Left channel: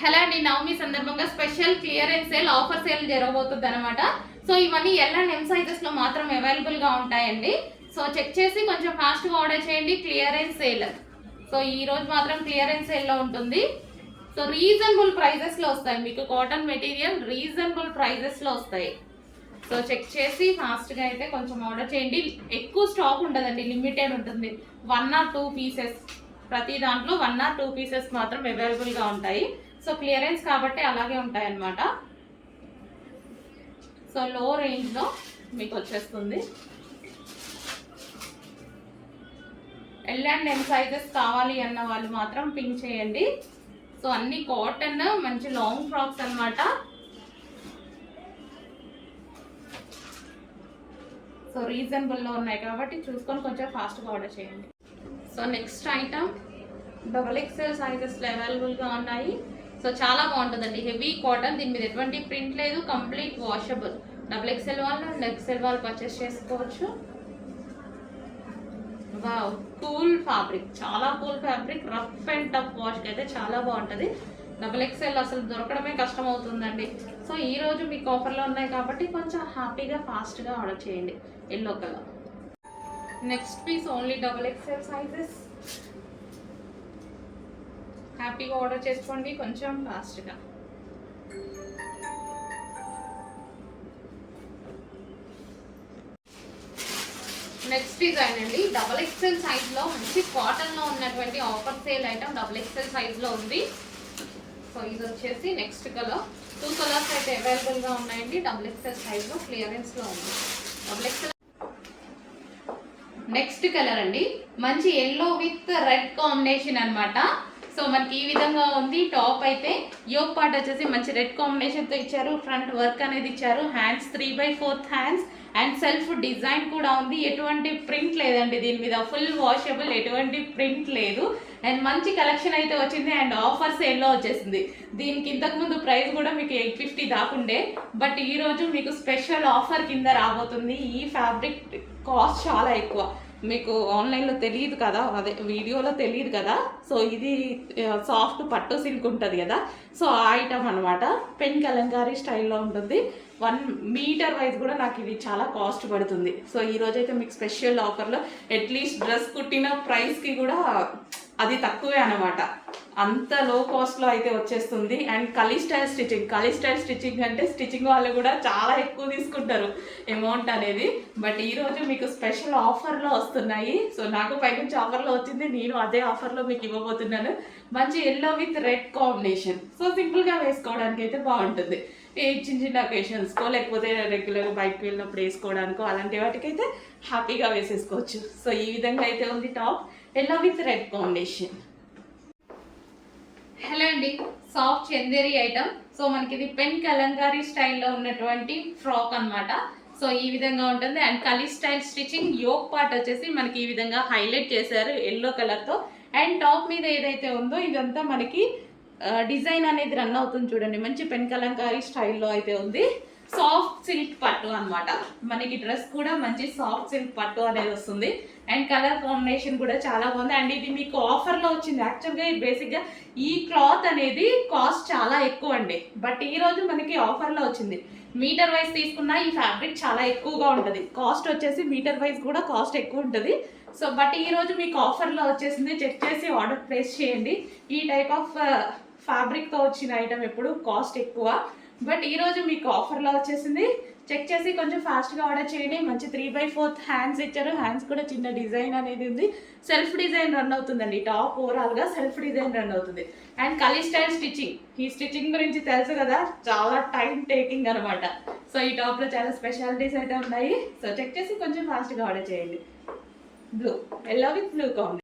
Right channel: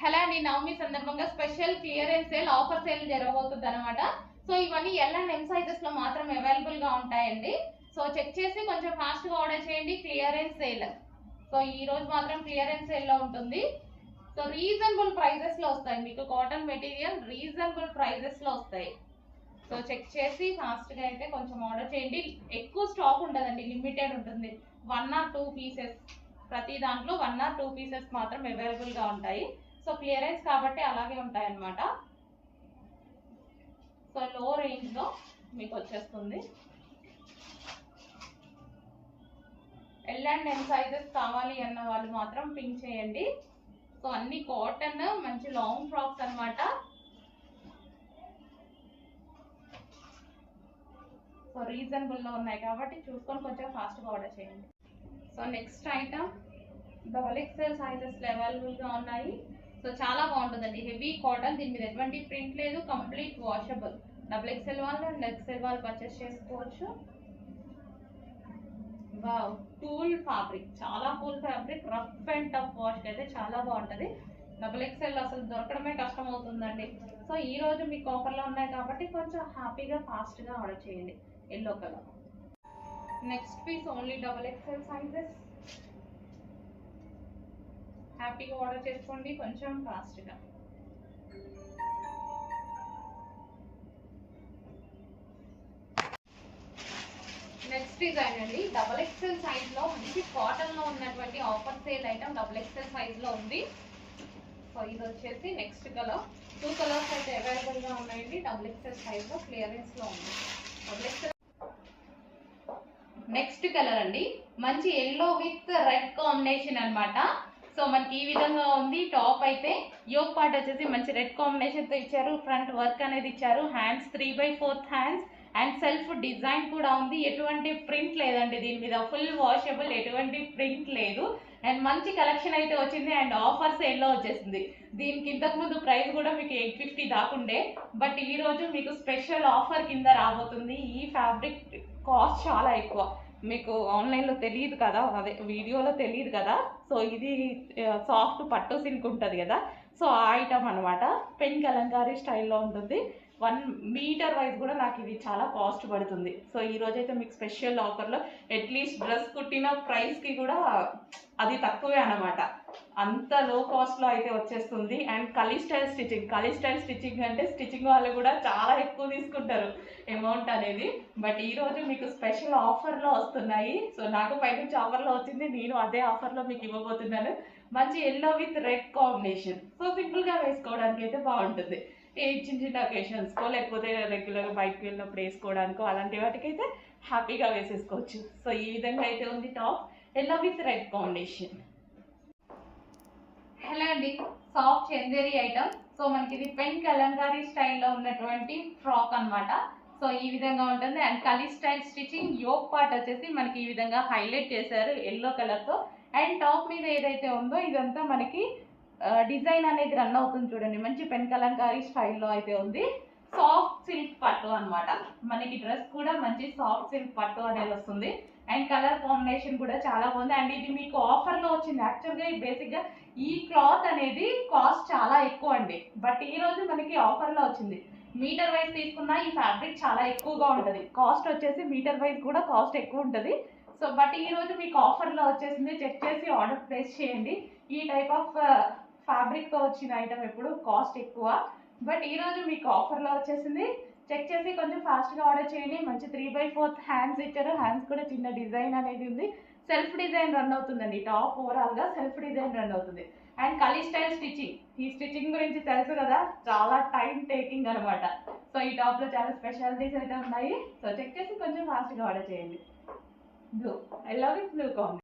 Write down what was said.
Hello అండి, నవమి సందర్భంగా special clearance sale offer sale జరగబోతుంది అనమాట. సో ఇవన్నీ ఎల్ అండ్ ఎం సైజెస్ లో మాత్రం అవైలబుల్ గా ఉంటాయండి. సో చెక్ చేసి కొంచెం ఫాస్ట్ గా ఆర్డర్ చేయండి. Clearance sale. సో ఈ రోజు మాత్రం క్లియరెన్స్ సేల్ లో ఉంటుంది. సో రీజనబుల్ ప్రైజెస్ లో వస్తాయి మీకు. కాటన్ మెటీరియల్ రీజనబుల్ ప్రైజెస్ లో వస్తాయి. సో చెక్ చేసి ఫాస్ట్ గా అయితే కొంచెం ఆర్డర్ చేయండి. ఎక్కువ స్టాక్ ఉండదండి, లిమిటెడ్ ఉంటుంది. 1 or 2 పీసెస్, ప్రతి దాంట్లో 1 or 2 పీసెస్ మాత్రం అవైలబుల్ గా ఉంటాయి. సో క్లియరెన్స్ కాబట్టి అలాగే ఉంటాయి అన్నమాట. సో లో రేంజ్ లో మీకు వచ్చేస్తుంది. ఎల్ అండ్ ఎం సైజెస్ కావాలి అన్న వాళ్ళు మాత్రం పింక్ చేయండి. సో అన్ని కాటన్ మంచి లాంగ్ ఫ్రాక్స్ అన్నమాట. సో రీజనబుల్లో ఉన్నాయి కాబట్టి చూసుకొని కొంచెం ఫాస్ట్గా ఆర్డర్ చేయండి. సో నెక్స్ట్ ఐటమ్ XXL సైజెస్లో అవైలబుల్గా ఉన్నాయి. సో చాలా బాగుంటుందండి. హెవీ కాటన్, దీని మీద ఎటువంటి ప్రింట్ లేదు, కంప్లీట్ వాషబుల్. XXL వాళ్ళు అండ్ XL వాళ్ళు పర్చేస్ చేసుకోవచ్చు. వావ్, కూల్ ఫ్యాబ్రిక్, చాలా cool fabric. Rough and tough వాష్కి అయితే చాలా బాగుంటుంది. XXL అసలు దొరకడమే కష్టం అవుతుందండి. సో ఈ రోజు మీకు ఆఫర్లో ఉన్నాయి కాబట్టి కొంచెం హ్యాపీగా ఫాస్ట్గా ఆర్డర్ చేయండి. Yellow colour. Next piece only XXL sizes. హ్యాపీగా ఆర్డర్ చేసుకోండి కొంచెం ఫాస్ట్గా. నెక్స్ట్ డిజైన్ అండి, XXL సైజ్లో మంచి కాటన్లో ఉన్నటువంటి ఆఫర్ సేల్ ఐటమ్ XXL సైజ్లో ఉంది. సో ఇది వచ్చేసి నెక్స్ట్ కలర్. 2 కలర్స్ అయితే అవైలబుల్గా ఉన్నాయండి. XXL సైజ్లో క్లియరెన్స్లో ఉంది. XXL నెక్స్ట్ కలర్ అండి, మంచి ఎల్లో విత్ రెడ్ కాంబినేషన్ అన్నమాట. సో మనకి ఈ విధంగా ఉంది. టాప్ అయితే యోక్ పార్ట్ వచ్చేసి మంచి రెడ్ కాంబినేషన్తో ఇచ్చారు. ఫ్రంట్ వర్క్ అనేది ఇచ్చారు. Hands 3/4 hands and self design కూడా ఉంది. ఎటువంటి ప్రింట్ లేదండి దీని మీద. ఫుల్ వాషబుల్, ఎటువంటి ప్రింట్ లేదు. అండ్ మంచి కలెక్షన్ అయితే వచ్చింది. అండ్ ఆఫర్ సేల్లో వచ్చేసింది. దీనికి ఇంతకుముందు ప్రైస్ కూడా మీకు 850 దాకుండే, బట్ ఈరోజు మీకు స్పెషల్ ఆఫర్ కింద రాబోతుంది. ఈ ఫ్యాబ్రిక్ కాస్ట్ చాలా ఎక్కువ, మీకు ఆన్లైన్లో తెలియదు కదా, అదే వీడియోలో తెలియదు కదా. సో ఇది సాఫ్ట్ పట్టు సిల్క్ ఉంటుంది కదా, సో ఆ ఐటమ్ అనమాట. పెన్ కలంకారీ స్టైల్లో ఉంటుంది. 1 మీటర్ వైజ్ కూడా నాకు ఇది చాలా కాస్ట్ పడుతుంది. సో ఈరోజైతే మీకు స్పెషల్ ఆఫర్లో అట్లీస్ట్ డ్రెస్ కుట్టిన ప్రైస్కి కూడా అది తక్కువే అనమాట. అంత లో కాస్ట్లో అయితే వచ్చేస్తుంది. అండ్ కలీ స్టైల్ స్టిచ్చింగ్ అంటే స్టిచ్చింగ్ వాళ్ళు కూడా చాలా ఎక్కువ తీసుకుంటారు అమౌంట్ అనేది. బట్ ఈరోజు మీకు స్పెషల్ ఆఫర్లో వస్తున్నాయి. సో నాకు పైనుంచి ఆఫర్లో వచ్చింది, నేను అదే ఆఫర్లో మీకు ఇవ్వబోతున్నాను. మంచి yellow with red combination. So సింపుల్గా వేసుకోవడానికి అయితే బాగుంటుంది. చిన్న చిన్న అకేషన్స్కో లేకపోతే రెగ్యులర్గా బైక్కి వెళ్ళినప్పుడు వేసుకోవడానికో అలాంటి వాటికైతే హ్యాపీగా వేసేసుకోవచ్చు. సో ఈ విధంగా అయితే ఉంది top, yellow with red combination. Hello అండి, సాఫ్ట్ చందేరి ఐటమ్. సో మనకి ఇది పెన్ కలంకారీ స్టైల్లో ఉన్నటువంటి ఫ్రాక్ అనమాట. సో ఈ విధంగా ఉంటుంది. And kali style stitching. Yoke part వచ్చేసి మనకి ఈ విధంగా హైలైట్ చేశారు ఎల్లో కలర్తో. అండ్ టాప్ మీద ఏదైతే ఉందో ఇదంతా మనకి డిజైన్ అనేది రన్ అవుతుంది చూడండి. మంచి పెన్ కలంకారీ స్టైల్లో అయితే ఉంది. సాఫ్ట్ సిల్క్ పట్టు అనమాట. మనకి డ్రెస్ కూడా మంచి సాఫ్ట్ సిల్క్ పట్టు అనేది వస్తుంది. అండ్ కలర్ కాంబినేషన్ కూడా చాలా బాగుంది. అండ్ ఇది మీకు ఆఫర్లో వచ్చింది. యాక్చువల్గా బేసిక్గా ఈ క్లాత్ అనేది కాస్ట్ చాలా ఎక్కువ అండి, బట్ ఈరోజు మనకి ఆఫర్లో వచ్చింది. మీటర్ వైజ్ తీసుకున్నా ఈ ఫ్యాబ్రిక్ చాలా ఎక్కువగా ఉంటుంది. కాస్ట్ వచ్చేసి మీటర్ వైజ్ కూడా కాస్ట్ ఎక్కువ ఉంటుంది. సో బట్ ఈరోజు మీకు ఆఫర్లో వచ్చేసింది. చెక్ చేసి ఆర్డర్ ప్లేస్ చేయండి. ఈ టైప్ ఆఫ్ ఫ్యాబ్రిక్తో వచ్చిన ఐటమ్ ఎప్పుడు కాస్ట్ ఎక్కువ, బట్ ఈరోజు మీకు ఆఫర్లో వచ్చేసింది. చెక్ చేసి కొంచెం ఫాస్ట్గా ఆర్డర్ చేయండి. మంచి 3/4 హ్యాండ్స్ ఇచ్చారు. హ్యాండ్స్ కూడా చిన్న డిజైన్ అనేది ఉంది. సెల్ఫ్ డిజైన్ రన్ అవుతుందండి. టాప్ ఓవరాల్గా సెల్ఫ్ డిజైన్ రన్ అవుతుంది. And kali style stitching. ఈ స్టిచ్చింగ్ గురించి తెలుసు కదా, చాలా టైం టేకింగ్ అనమాట. సో ఈ టాప్లో చాలా స్పెషాలిటీస్ అయితే ఉన్నాయి. సో చెక్ చేసి కొంచెం ఫాస్ట్గా ఆర్డర్ చేయండి. Blue, yellow with blue combination.